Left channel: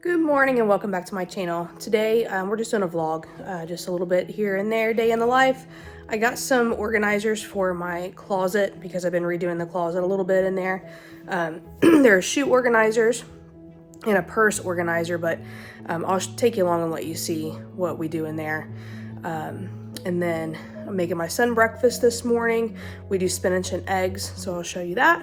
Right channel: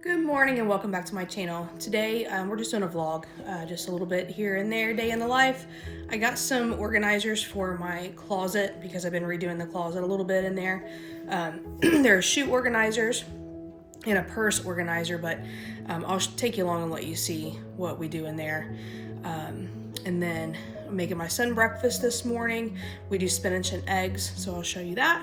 Good morning and welcome back to my channel. Today we're just doing a vlog, just a little bit here and there, day in the life. I got some organizers for my closet because I've been redoing the closet a little bit in there. There are shoe organizers and a purse organizer, but I'll take you along and let you see what we do in there. And then I'm making my son breakfast this morning. We do spinach and eggs, so I'll show you that.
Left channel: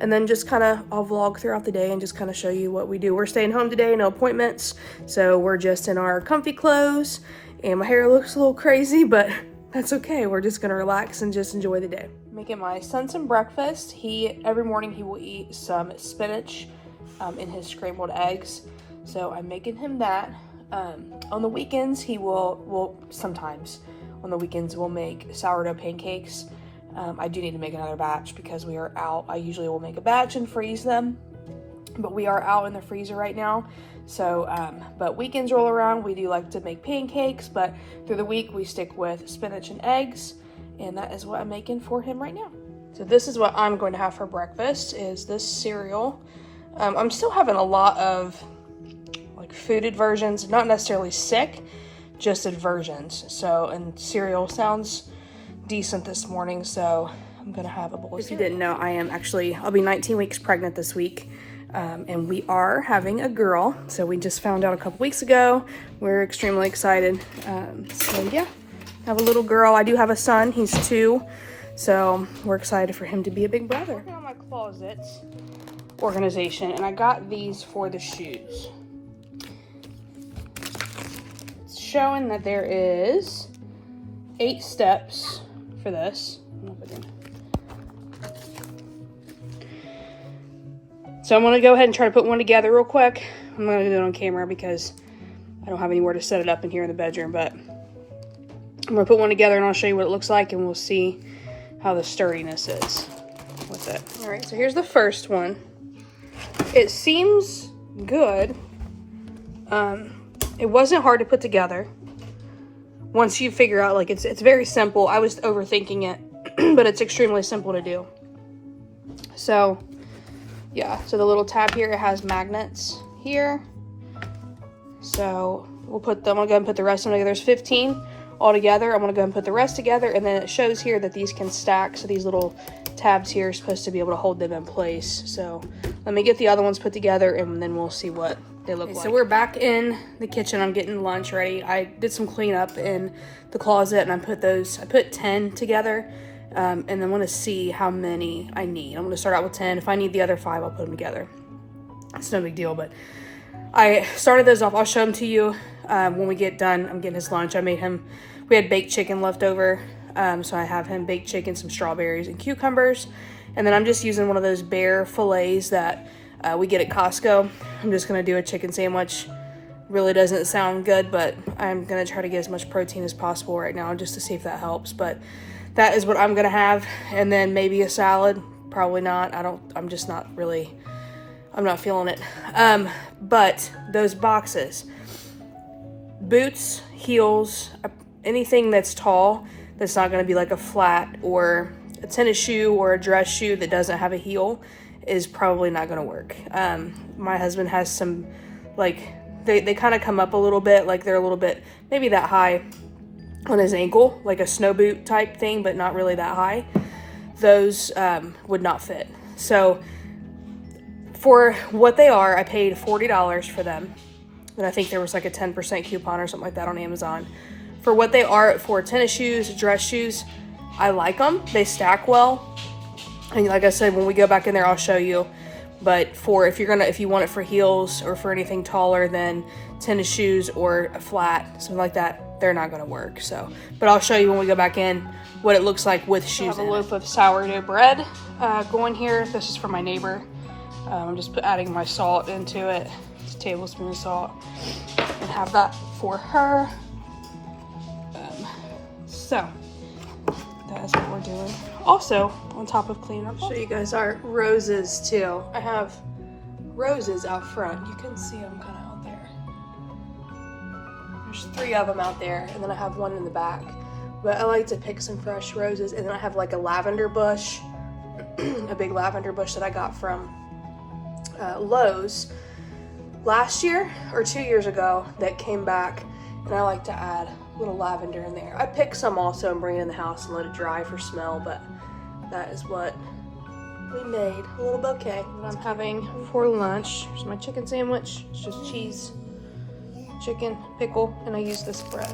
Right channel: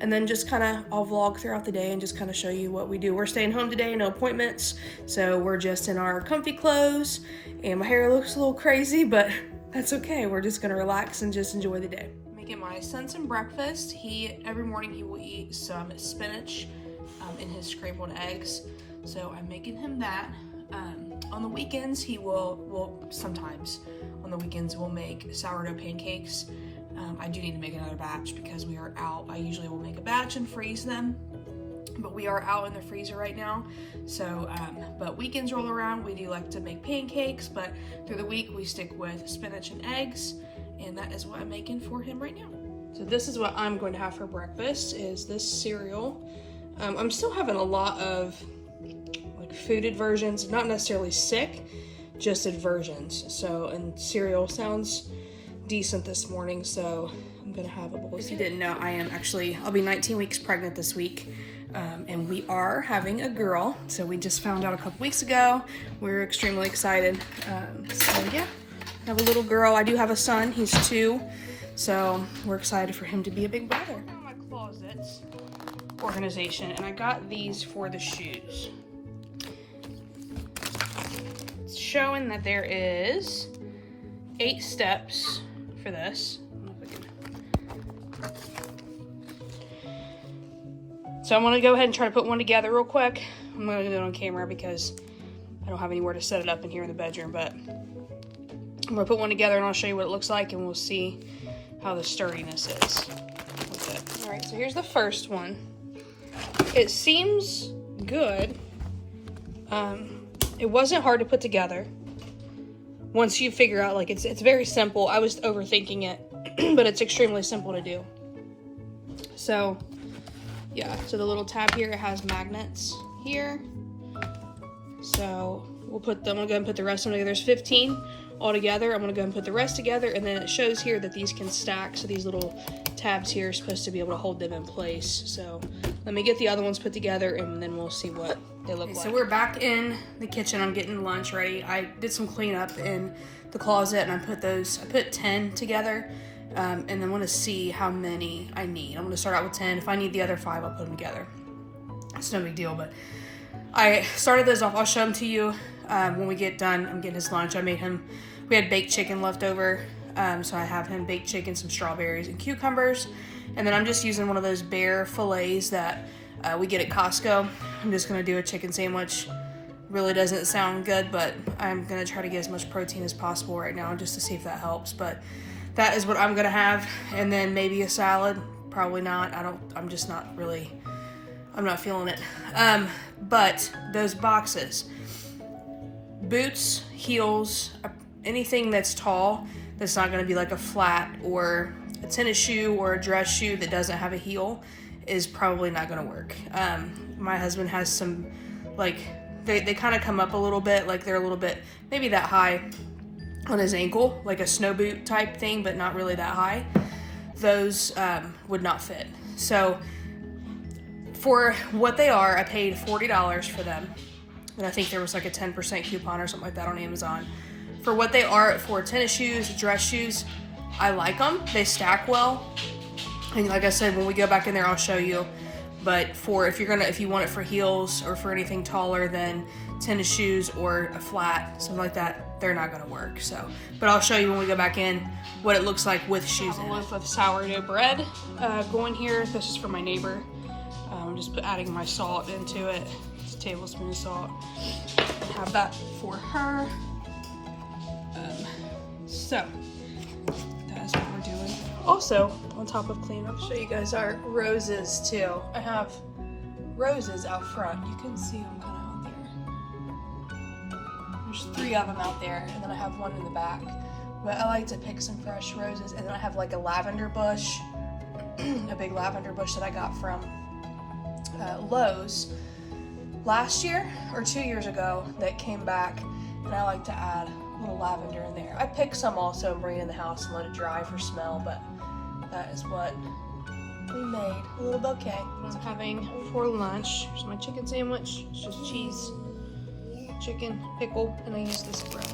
And then just kind of, I'll vlog throughout the day and just kind of show you what we do. We're staying home today, no appointments. So we're just in our comfy clothes and my hair looks a little crazy, but that's okay. We're just gonna relax and just enjoy the day. Making my son some breakfast. Every morning he will eat some spinach in his scrambled eggs. So I'm making him that. On the weekends, sometimes on the weekends we'll make sourdough pancakes. I do need to make another batch because we are out. I usually will make a batch and freeze them, but we are out in the freezer right now. So, but weekends roll around, we do like to make pancakes, but through the week we stick with spinach and eggs, and that is what I'm making for him right now. So this is what I'm going to have for breakfast, is this cereal. I'm still having a lot of like fooded versions, not necessarily sick, just versions. So, and cereal sounds decent this morning, so I'm gonna have a bowl. If you didn't know, I'll be 19 weeks pregnant this week, and we are having a girl. So we just found out a couple weeks ago. We're extremely excited. So yeah, have a little girl. I do have a son, he's 2, so we're excited for him to be a big brother. I'm on my closets organization, and I got these for the shoes. It's showing that there is 8 steps for this. So I'm gonna go ahead and try to put one together real quick. I'm gonna do it on camera because I don't have anywhere to set it up in here in the bedroom, but I'm gonna put one together and I'll show you what it looks like and we'll see how the sturdiness is with it. All right, so here's the first one. It seems good. It wasn't hard to put together. Once you figure out, like, it's very simple. I was overthinking it, but it's extremely simple to do. So, yeah, so the little tab here, it has magnets here. So we'll put them, I'm gonna go ahead and put the rest of them together. There's 15 all together. I'm gonna go ahead and put the rest together, and then it shows here that these can stack. So these little tabs here are supposed to be able to hold them in place. So let me get the other ones put together and then we'll see what they look like. So we're back in the kitchen. I'm getting lunch ready. I did some cleanup in the closet and I put 10 together, and I'm gonna see how many I need. I'm gonna start out with 10. If I need the other 5, I'll put them together. It's no big deal, but I started those off. I'll show them to you when we get done. I'm getting his lunch. We had baked chicken left over, so I have him baked chicken, some strawberries and cucumbers, and then I'm just using one of those bear fillets that we get at Costco. I'm just gonna do a chicken sandwich. Really doesn't sound good, but I'm gonna try to get as much protein as possible right now just to see if that helps. But that is what I'm gonna have, and then maybe a salad. Probably not. I'm not feeling it. But those boxes, boots, heels, anything that's tall, that's not gonna be like a flat or a tennis shoe or a dress shoe that doesn't have a heel, is probably not gonna work. My husband has some, like, they kind of come up a little bit, like they're a little bit, maybe that high on his ankle, like a snow boot type thing, but not really that high. Those would not fit. So for what they are, I paid $40 for them. And I think there was like a 10% coupon or something like that on Amazon. For what they are, for tennis shoes, dress shoes, I like them. They stack well. And like I said, when we go back in there, I'll show you. But if you want it for heels or for anything taller than tennis shoes or a flat, something like that, they're not gonna work. So, but I'll show you when we go back in what it looks like with shoes. I have a loaf of sourdough bread going here. This is for my neighbor. I'm just adding my salt into it. It's a tablespoon of salt. And have that for her. So that is what we're doing. Also, on top of cleanup, I'll show you guys our roses too. I have roses out front. You can see them kind of out there. There's 3 of them out there, and then I have one in the back. But I like to pick some fresh roses, and then I have like a lavender bush, a big lavender bush that I got from Lowe's last year or 2 years ago that came back, and I like to add a little lavender in there. I pick some also and bring it in the house and let it dry for smell, but that is what we made, a little bouquet. What I'm having for lunch is my chicken sandwich. It's just cheese, chicken, pickle, and I use this bread.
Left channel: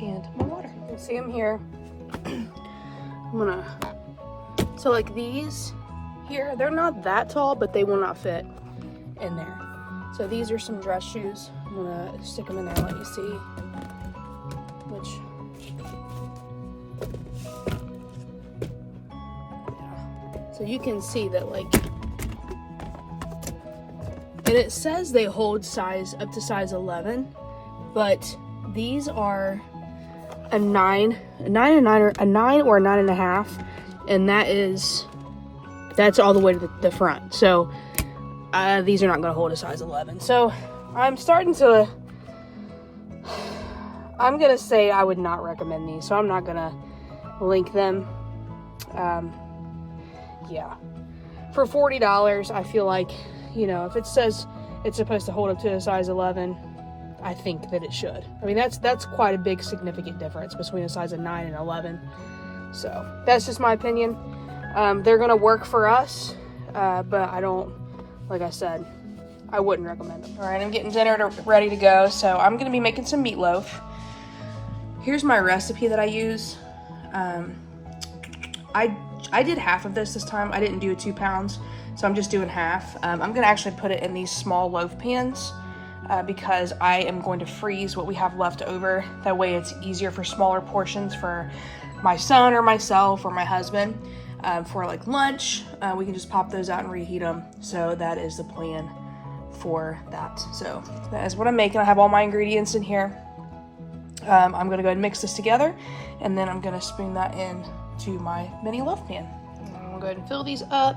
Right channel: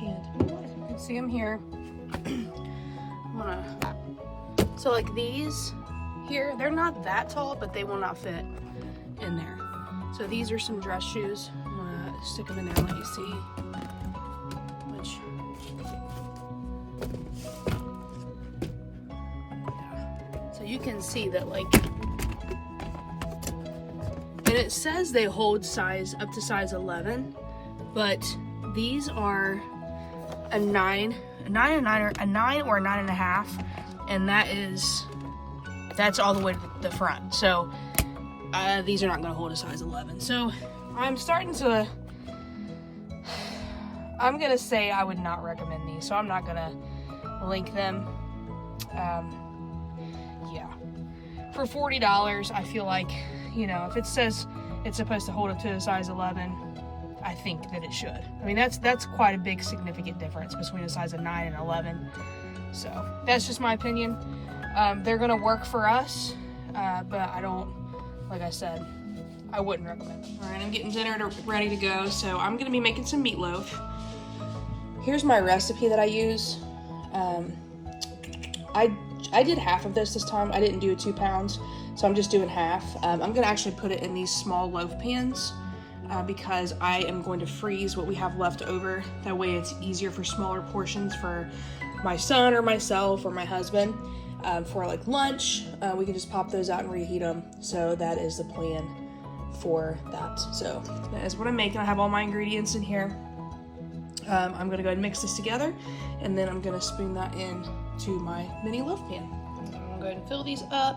And my water. You can see them here. So like these here, they're not that tall, but they will not fit in there. So these are some dress shoes. I'm gonna stick them in there and let you see which. Yeah. So you can see that, like, and it says they hold size up to size 11, but these are a 9 or a 9.5, and that's all the way to the front. So these are not going to hold a size 11. So I'm gonna say I would not recommend these, so I'm not gonna link them. Yeah, for $40, I feel like, you know, if it says it's supposed to hold up to a size 11, I think that it should. I mean, that's quite a big significant difference between a size of 9 and 11. So that's just my opinion. They're gonna work for us, but I don't, like I said, I wouldn't recommend it. All right, I'm getting dinner ready to go, so I'm gonna be making some meatloaf. Here's my recipe that I use. I did half of this time. I didn't do 2 pounds, so I'm just doing half. I'm gonna actually put it in these small loaf pans because I am going to freeze what we have left over. That way it's easier for smaller portions for my son or myself or my husband. For like lunch, we can just pop those out and reheat them. So that is the plan for that. So that is what I'm making. I have all my ingredients in here. I'm gonna go ahead and mix this together, and then I'm gonna spoon that in to my mini loaf pan. I'm gonna go ahead and fill these up.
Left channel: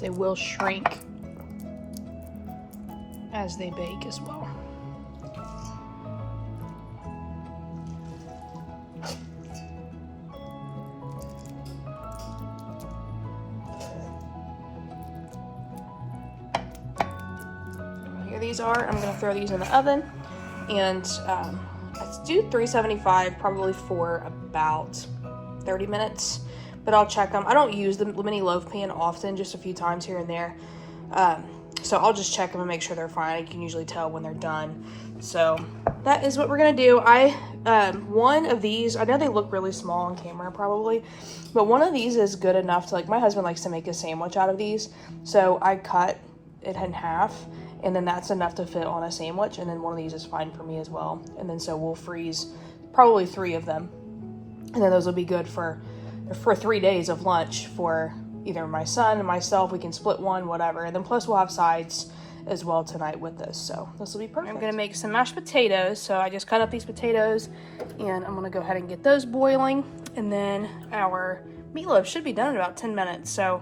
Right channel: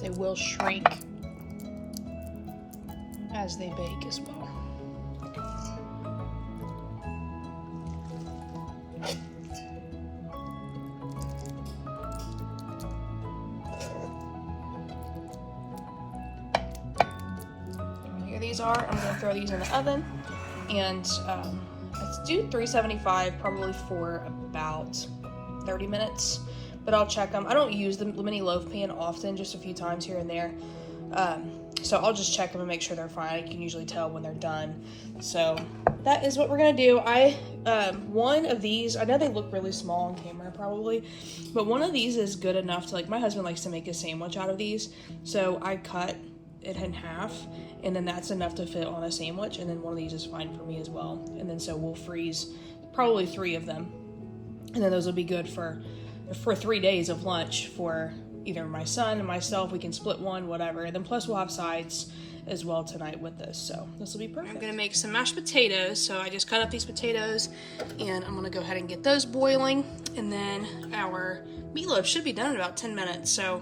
They will shrink as they bake as well. Here these are. I'm gonna throw these in the oven, and let's do 375 probably for about 30 minutes. But I'll check them. I don't use the mini loaf pan often, just a few times here and there. So I'll just check them and make sure they're fine. I can usually tell when they're done. So that is what we're gonna do. One of these, I know they look really small on camera probably, but one of these is good enough to, like, my husband likes to make a sandwich out of these. So I cut it in half, and then that's enough to fit on a sandwich. And then one of these is fine for me as well. And then so we'll freeze probably 3 of them. And then those will be good for 3 days of lunch for either my son and myself. We can split one, whatever. And then plus we'll have sides as well tonight with this. So this will be perfect. I'm gonna make some mashed potatoes. So I just cut up these potatoes, and I'm gonna go ahead and get those boiling. And then our meatloaf should be done in about 10 minutes. So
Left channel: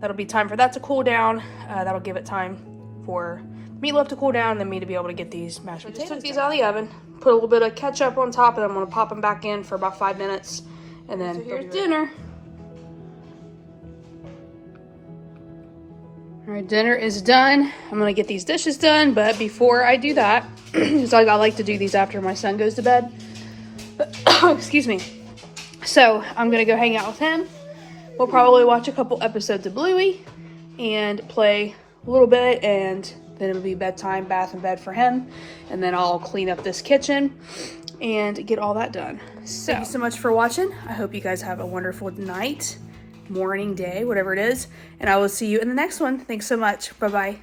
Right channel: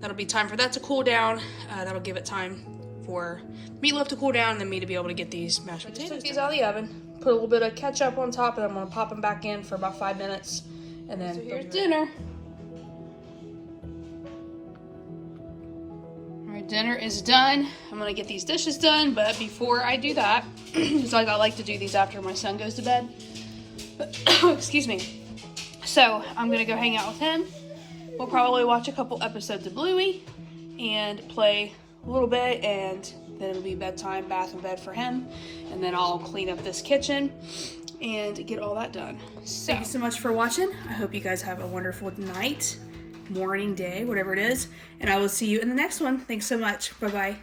that'll be time for that to cool down. That'll give it time for meatloaf to cool down and then me to be able to get these mashed potatoes. Took these out of the oven, put a little bit of ketchup on top, and I'm gonna pop them back in for about 5 minutes. And then so here's dinner. All right, dinner is done. I'm gonna get these dishes done, but before I do that, so I like to do these after my son goes to bed. Excuse me. So I'm gonna go hang out with him. We'll probably watch a couple episodes of Bluey and play a little bit, and then it'll be bedtime, bath and bed for him. And then I'll clean up this kitchen and get all that done. So thank you so much for watching. I hope you guys have a wonderful night, morning, day, whatever it is, and I will see you in the next one. Thanks so much. Bye-bye.